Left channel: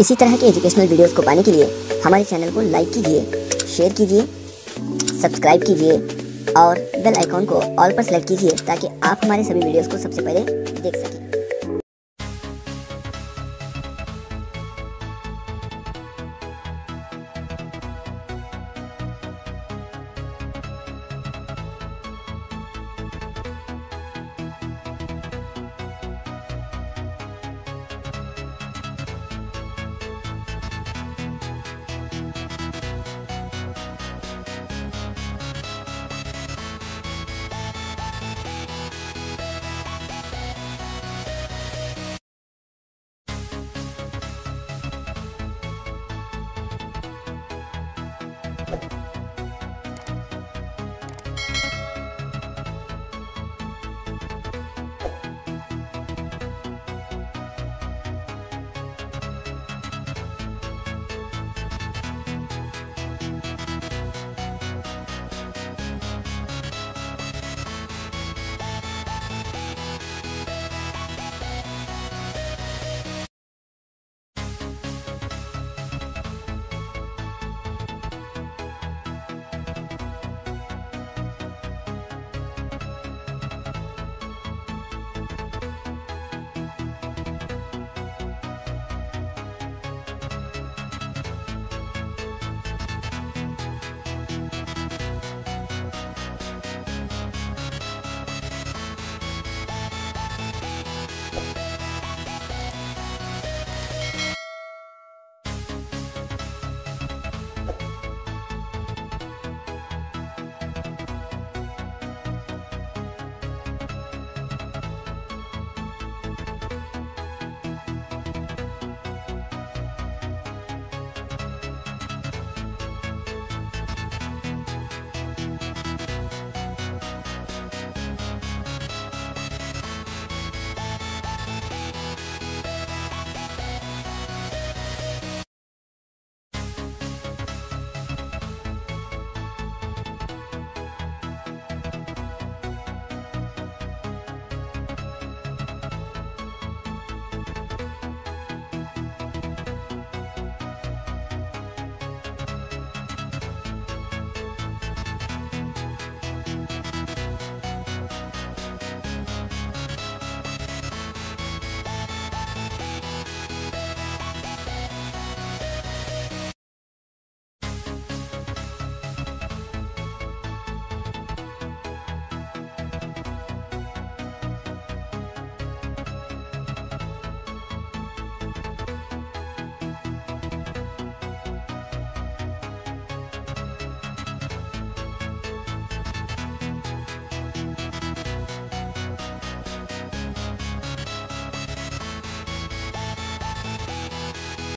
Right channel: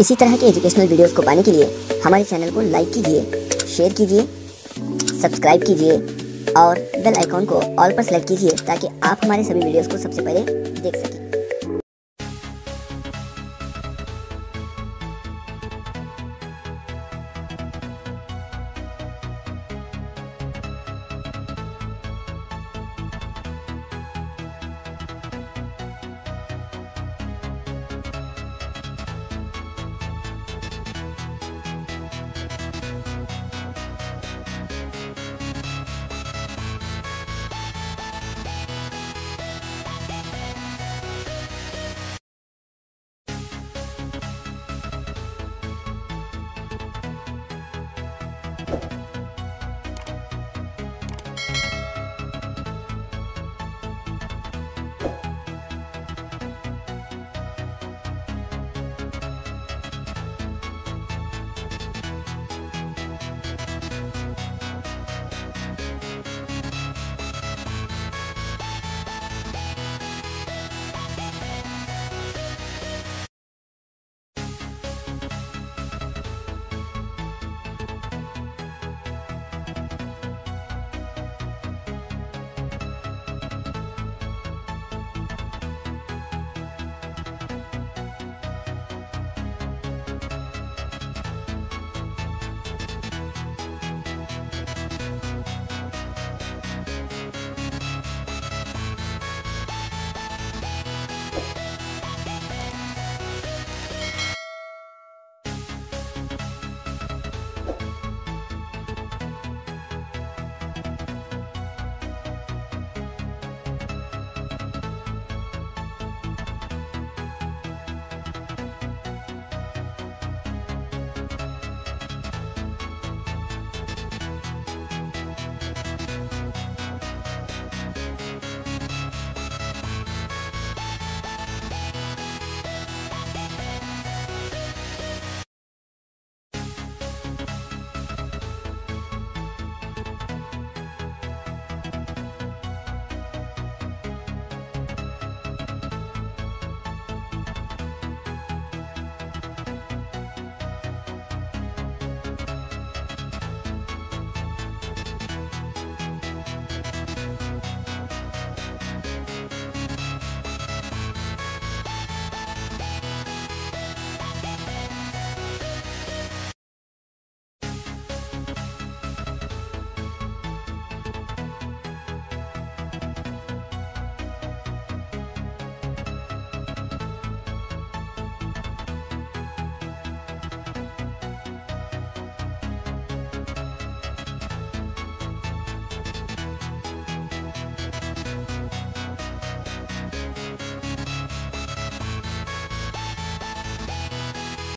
इसी तरह के एजुकेशनल वीडियोस को पाने के लिए हमारे चैनल को लाइक कीजिए, शेयर कीजिए, सब्सक्राइब कीजिए और बेल आइकॉन को ऑल पर सेलेक्ट कीजिए ताकि आप हमारे सभी वीडियोस को सबसे पहले देख सकें।